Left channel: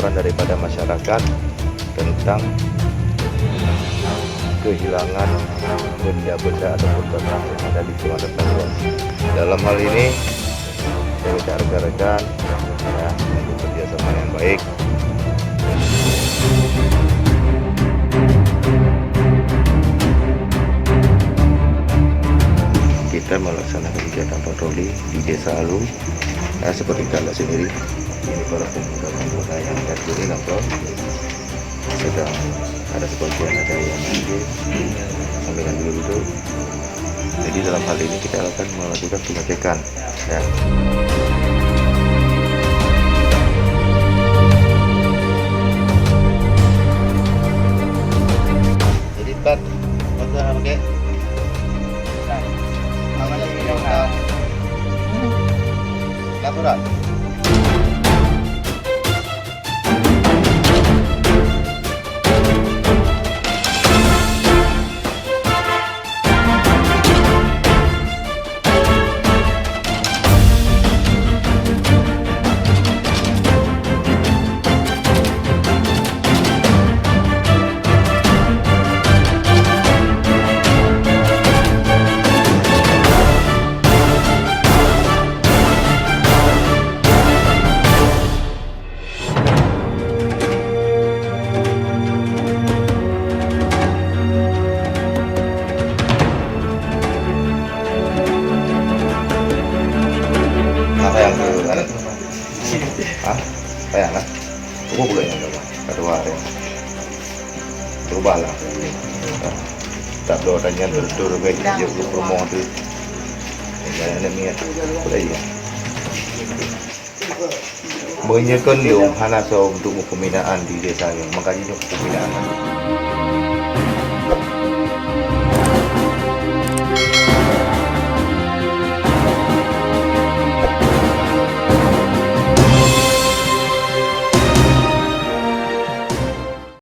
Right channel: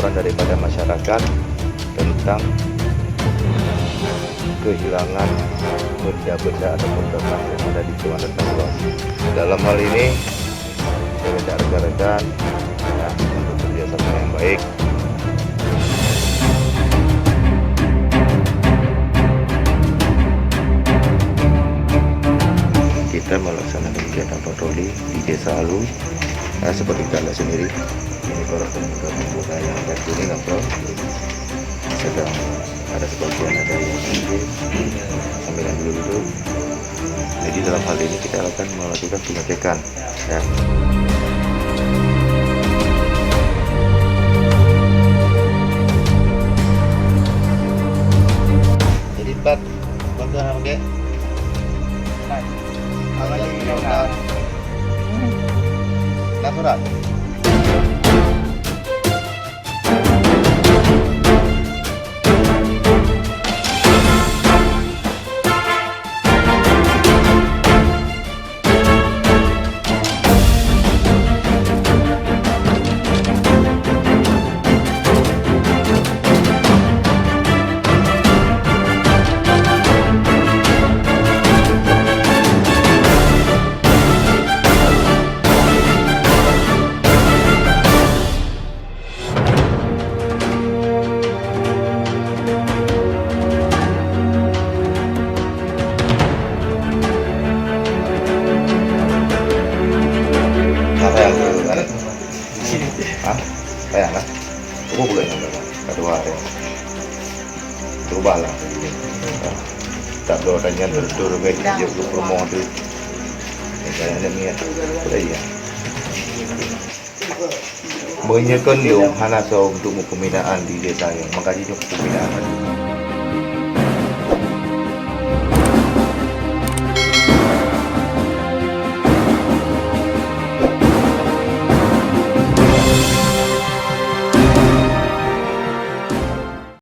laporan daripada masyarakat tentang kehilangan benda-benda ataupun ternak yang ada di Kecamatan Luas. Dalam hal ini saya minta rekan-rekan ya untuk kerjasama yang baik. Kita melaksanakan kegiatan patroli di Desa Alu ya, seperti kita lihat sendiri ini para pemuda-pemuda yang terjuni nongkrong, sedang ada sebagian ada yang mungkin sambilan duduk. Jadi dalam hal ini kita akan melakukan pengecekan ya. Jadi bantuan apa kek? Surat. Sayang dulu kan? Hah? Sayang kan? Aku boleh nggak? Kedua hari. Berubahlah. Tak ada orangnya terdur baik dia belum promo tu. Jangan ada niat. Boleh ya. Menyekan dong hana so untuk pembinaan di desa yang mengkaji pembinaan.